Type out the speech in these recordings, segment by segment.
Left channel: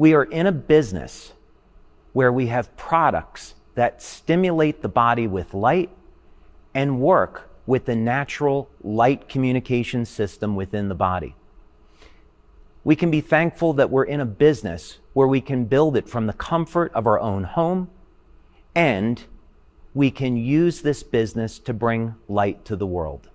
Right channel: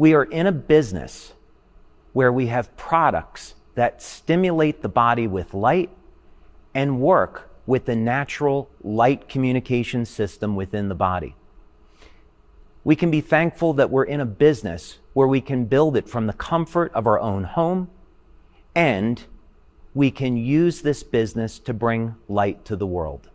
We are in a business where we have products that stimulate the body with light and work with the natural light communication system within the body. We can be thankful that we're in a business where we can build it from the comfort of our own home, and we can use this business to bring light to the world.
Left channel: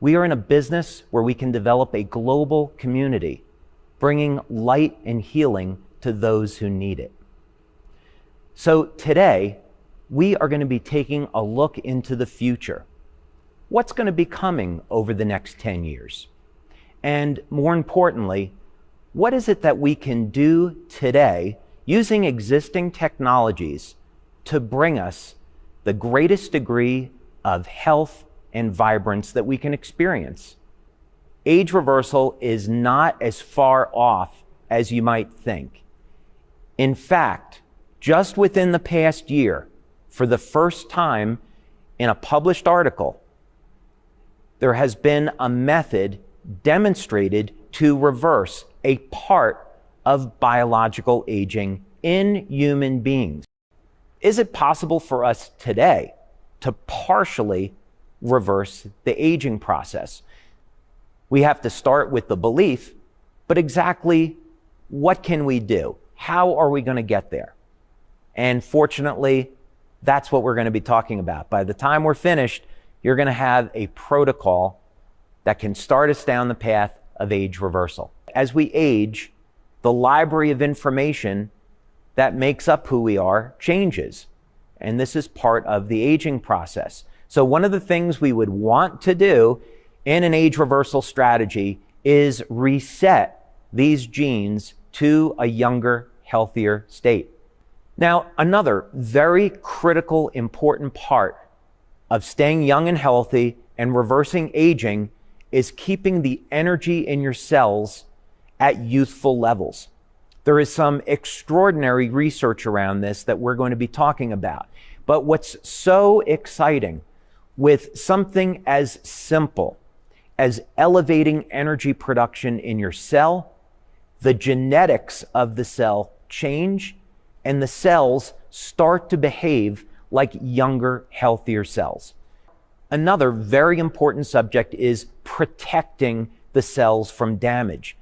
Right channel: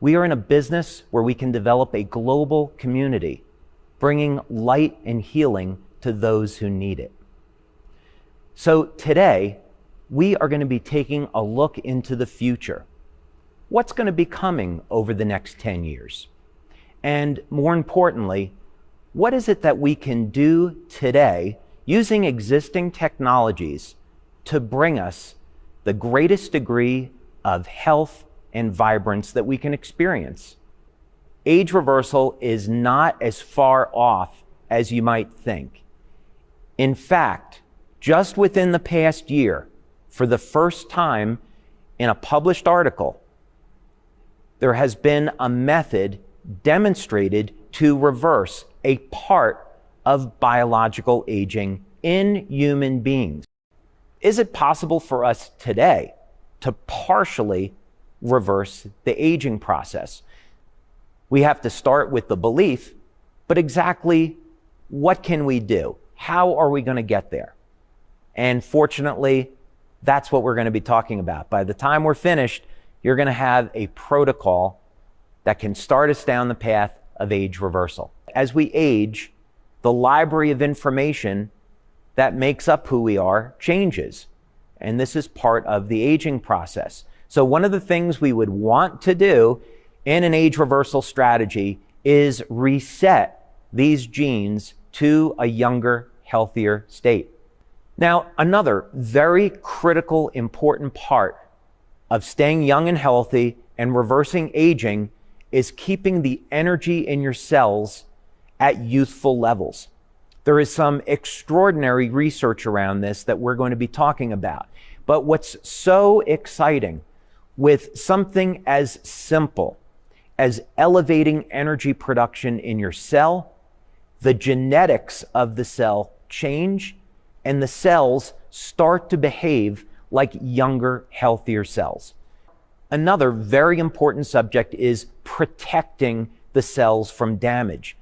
We are in a business where we can develop a global community, bringing light and healing to those who need it. So today, we are going to be taking a look into the future. What's going to be coming over the next 10 years? And more importantly, what is it that we can do today using existing technologies to bring us the greatest degree of health and vibrance that we can experience? Age reversal is not as far off as you might think. In fact, just within the past year, for the first time in a published article, there has been a method demonstrated to reverse a part of biological aging in human beings. Is it possible for us today to partially reverse the aging process? We have to start with the belief, but exactly what can we do? How are we going to get there? And fortunately, that's what we're going to be talking about. By the time we're finished, you're going to have a protocol that can start us down the path of age reversal. As we age, the library of information that makes up who we are changes. And this is part of the aging process. So one of the things we would want to do in an age reversal strategy is reset these genes to a younger, healthier state. Now, another very critical, important part of staying young and healthy and reversing aging is keeping the energy in your cells at youthful levels. There is some extraordinary research around this that we're going to be talking about. But what's so exciting with something as simple as elevating energy production in your cell, the genetics of the cell change, and the cells start to behave like younger, healthier cells. Another very important subject is protecting the cells from damage.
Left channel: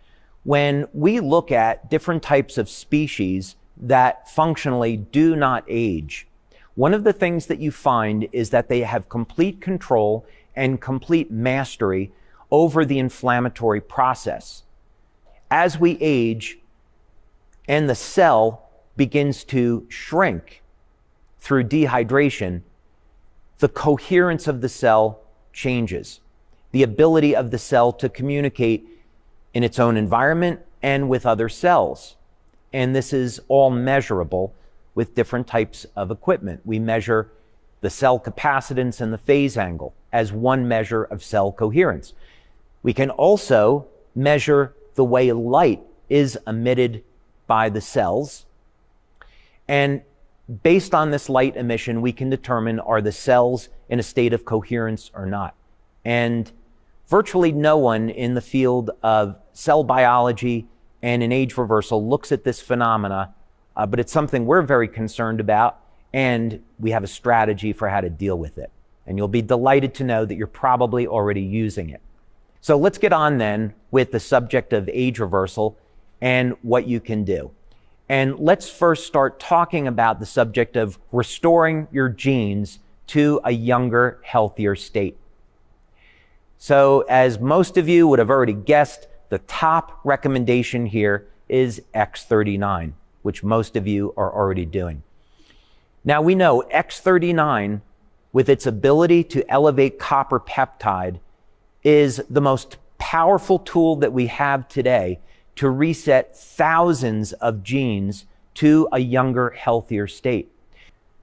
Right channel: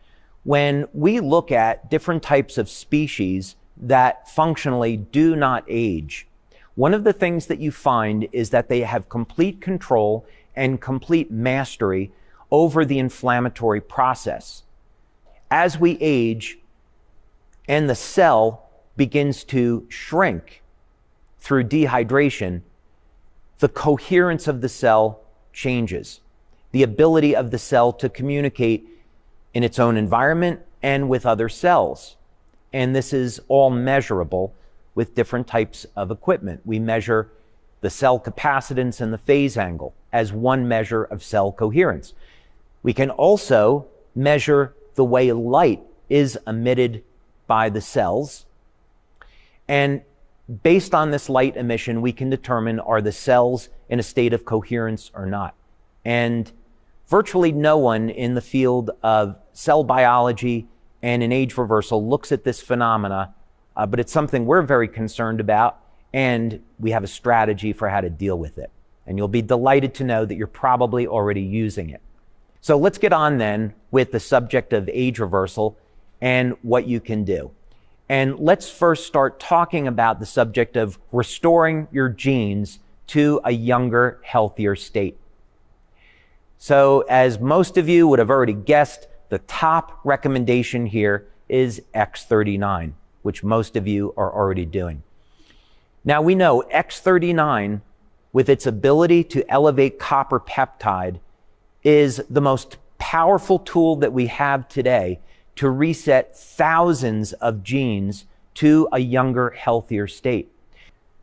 When we look at different types of species that functionally do not age, one of the things that you find is that they have complete control and complete mastery over the inflammatory process. As we age and the cell begins to shrink through dehydration, the coherence of the cell changes. The ability of the cell to communicate in its own environment and with other cells. And this is all measurable with different types of equipment. We measure the cell capacitance and the phase angle as one measure of cell coherence. We can also measure the way light is emitted by the cells. And based on this light emission, we can determine, are the cells in a state of coherence or not? And virtually no one in the field of cell biology and in age reversal looks at this phenomena, but it's something we're very concerned about, and we have a strategy for how to deal with it. And you'll be delighted to know that you're probably already using it. So let's get on then with the subject of age reversal and what you can do. And let's first start talking about the subject of restoring your genes to a younger, healthier state. So as most of you would have already guessed, the top recommendation here is X39, which most of you are already doing. Now we know X39, with its ability to elevate copper peptide, is the most powerful tool that we have today to reset thousands of genes to a younger, healthier state.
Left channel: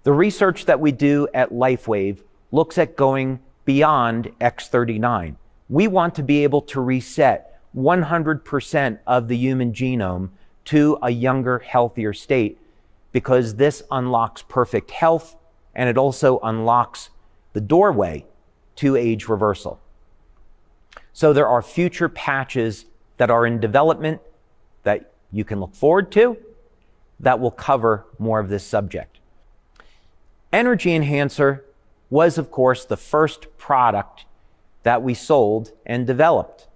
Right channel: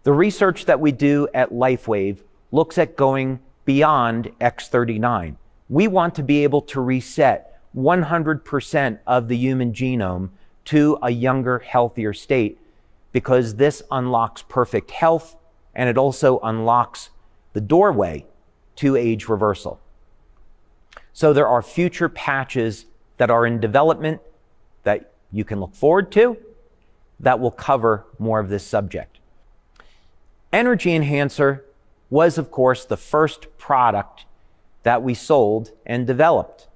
The research that we do at LifeWave looks at going beyond X39. We want to be able to reset 100% of the human genome to a younger, healthier state, because this unlocks perfect health, and it also unlocks the doorway to age reversal. So there are future patches that are in development that you can look forward to that will cover more of this subject. Energy Enhancer was, of course, the first product that we sold and developed.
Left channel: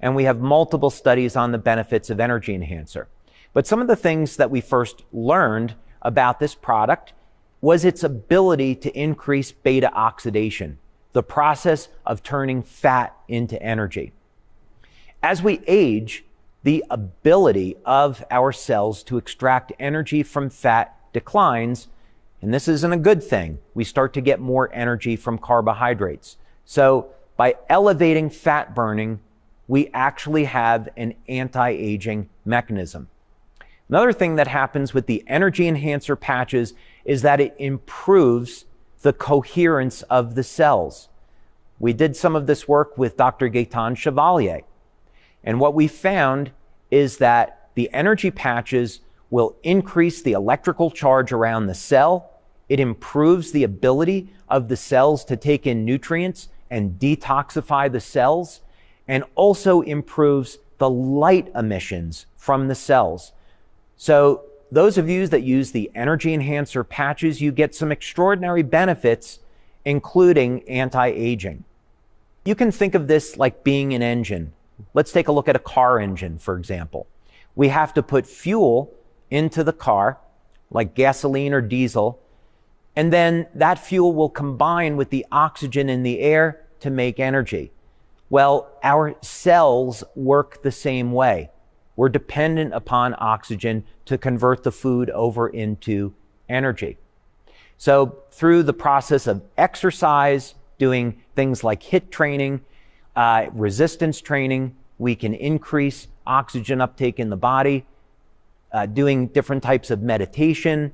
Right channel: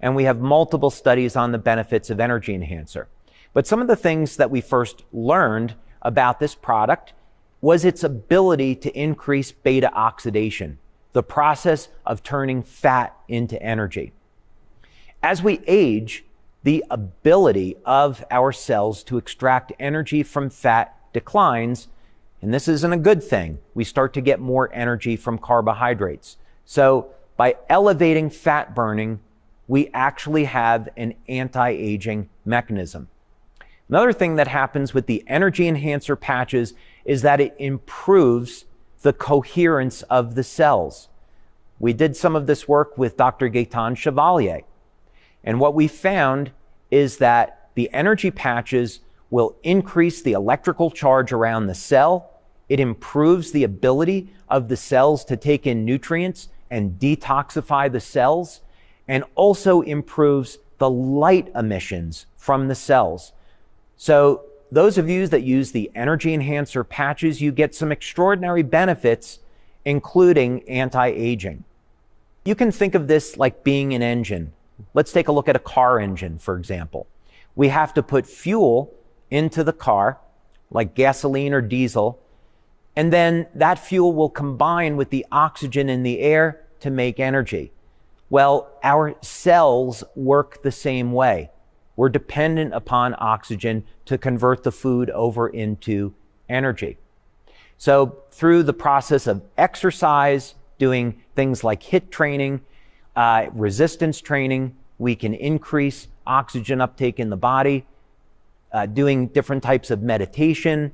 And we have multiple studies on the benefits of Energy Enhancer. But some of the things that we first learned about this product was its ability to increase beta oxidation, the process of turning fat into energy. As we age, the ability of our cells to extract energy from fat declines, and this isn't a good thing. We start to get more energy from carbohydrates. So by elevating fat burning, we actually have an anti-aging mechanism. Another thing that happens with the Energy Enhancer patches is that it improves the coherence of the cells. We did some of this work with Dr. Gaetan Chevalier. And what we found is that the energy patches will increase the electrical charge around the cell. It improves the ability of the cells to take in nutrients and detoxify the cells, and also improves the light emissions from the cells. So those of you that use the Energy Enhancer patches, you get some extraordinary benefits, including anti-aging. You can think of this like being an engine. Let's take a look at a car engine, for example. We have to put fuel into the car, like gasoline or diesel, and then that fuel will combine with the oxygen in the air to make energy. Well, our cells work the same way. We're dependent upon oxygen to convert the food over into energy. So through the process of exercise, doing things like HIIT training, resistance training, we can increase oxygen uptake in the body, doing different types of meditation,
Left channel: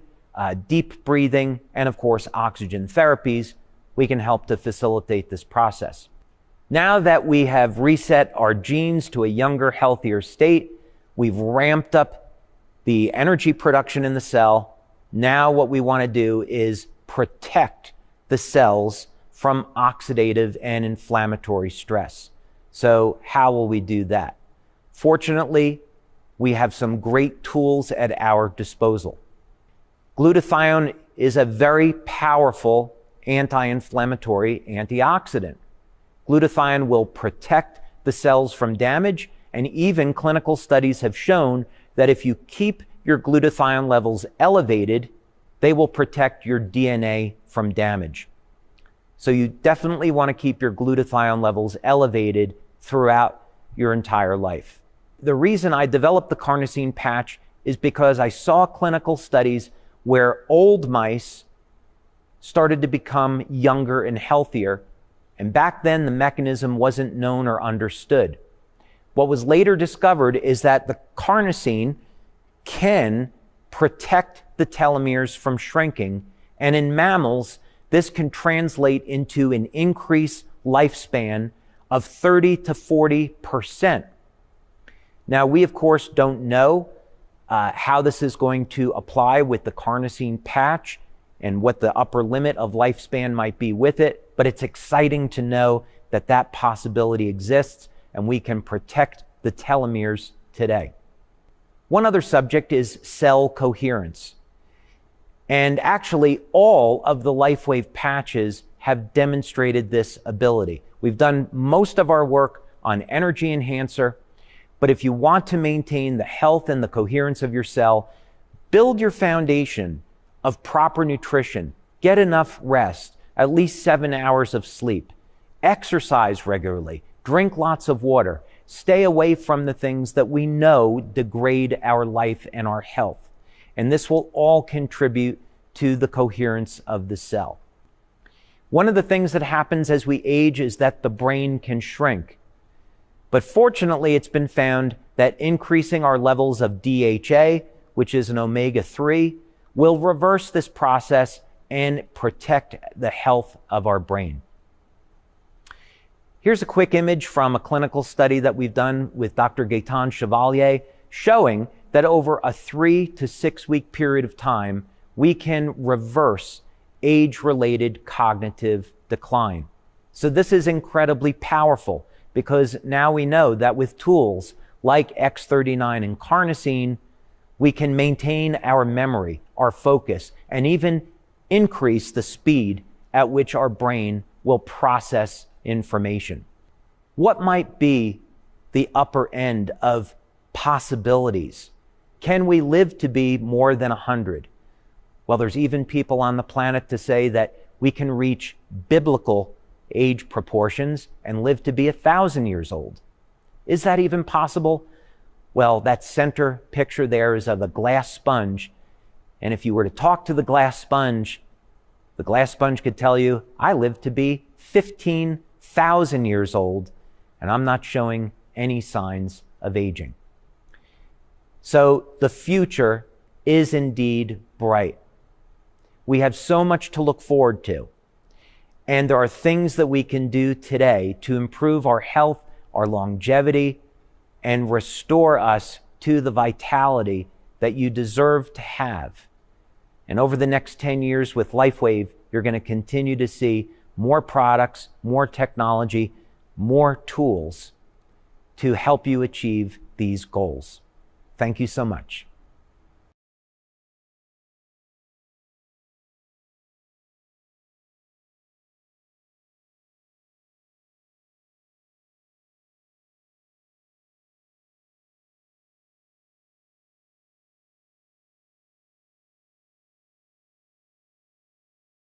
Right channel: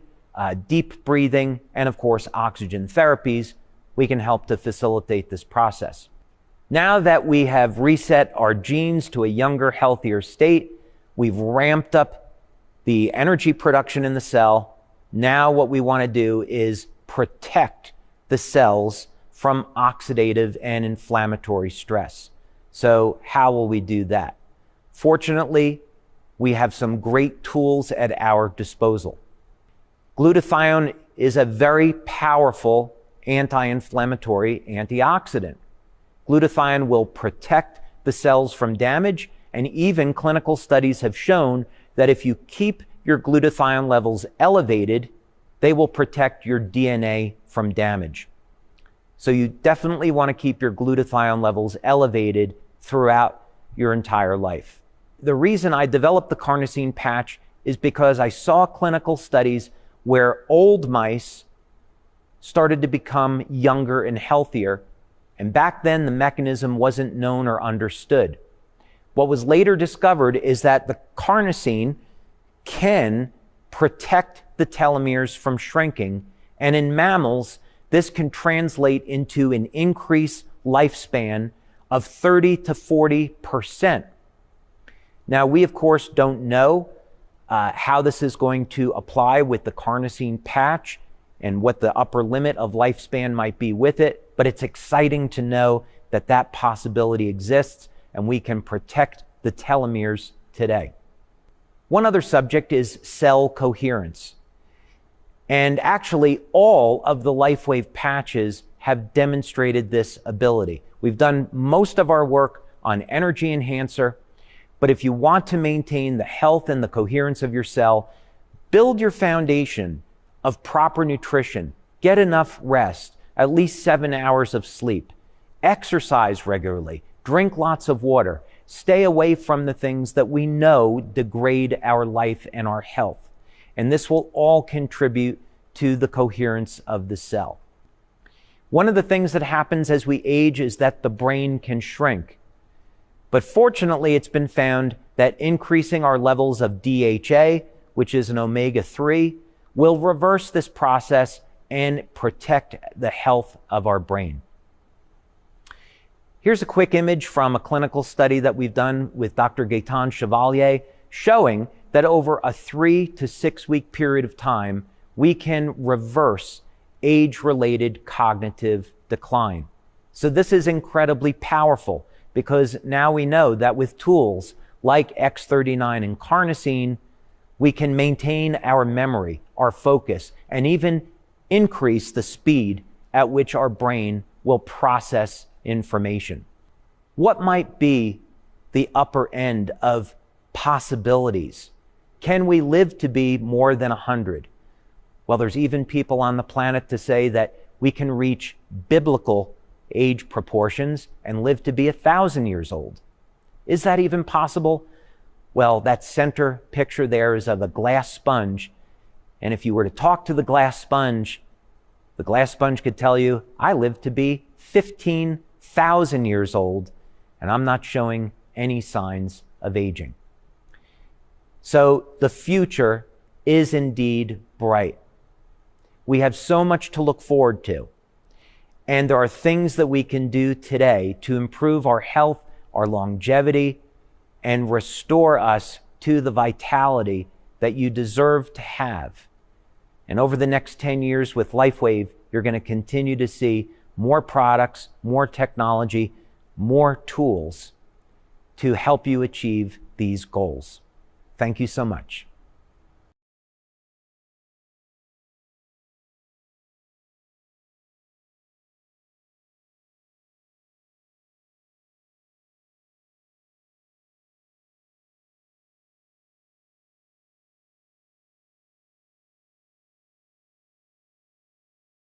deep breathing, and of course, oxygen therapies, we can help to facilitate this process. Now that we have reset our genes to a younger, healthier state, we've ramped up the energy production in the cell. Now what we want to do is protect the cells from oxidative and inflammatory stress. So how will we do that? Fortunately, we have some great tools at our disposal. Glutathione is a very powerful anti-inflammatory antioxidant. Glutathione will protect the cells from damage, and even clinical studies have shown that if you keep your glutathione levels elevated, they will protect your DNA from damage. So you definitely want to keep your glutathione levels elevated throughout your entire life. The reason I developed the carnosine patch is because I saw clinical studies where old mice started to become younger and healthier, and back then the mechanism wasn't known or understood. What was later discovered is that the carnosine can protect the telomeres from shrinking, and in mammals, this can translate into an increased lifespan of 30 to 40%. Now, we of course don't know how this is going to apply with the carnosine patch and what the upper limit of lifespan might be with it, but it's exciting to know that that possibility exists and we can protect the telomeres today. One other subject is cell coherence. And actually, all of the LifeWave patches have demonstrated this ability. We've done most of our work on Energy Enhancer, but if you want to maintain the health and the coherence of your cell, build your foundation of proper nutrition, get enough rest, at least 7 hours of sleep, exercise regularly, drink lots of water, stay away from the things that we know degrade our life and our health. And this will all contribute to the coherence of the cell. One of the things that happens as we age is that the brain can shrink. But fortunately, it's been found that increasing our levels of DHA, which is an omega-3, will reverse this process and protect the health of our brain. Here's a quick image from a clinical study that we've done with Dr. Gaetan Chevalier, showing that over a 3 to 6 week period of time, we can reverse age-related cognitive decline. So this is incredibly powerful because now we know that with tools, like X39 and carnosine, we can maintain our memory, our focus, and even increase the speed at which our brain will process information. What might be the upper end of possibilities? Can we live to be more than 100? Well, there's even people on the planet to say that we can reach biblical age proportions and live to be 1,000 years old. Is that even possible? Well, that center picture there is of a glass sponge. And if you were to talk to the glass sponge could tell you, I live to be 15,000 years old, and I'm not showing any signs of aging. So the future is indeed bright. We have so much to look forward to. And there are things that we can do today to improve our health, our longevity, and restore us to the vitality that you deserve to have. And over the next 10 years with LifeWave, you're going to continue to see more products, more technology, more tools to help you achieve these goals. Thank you so much.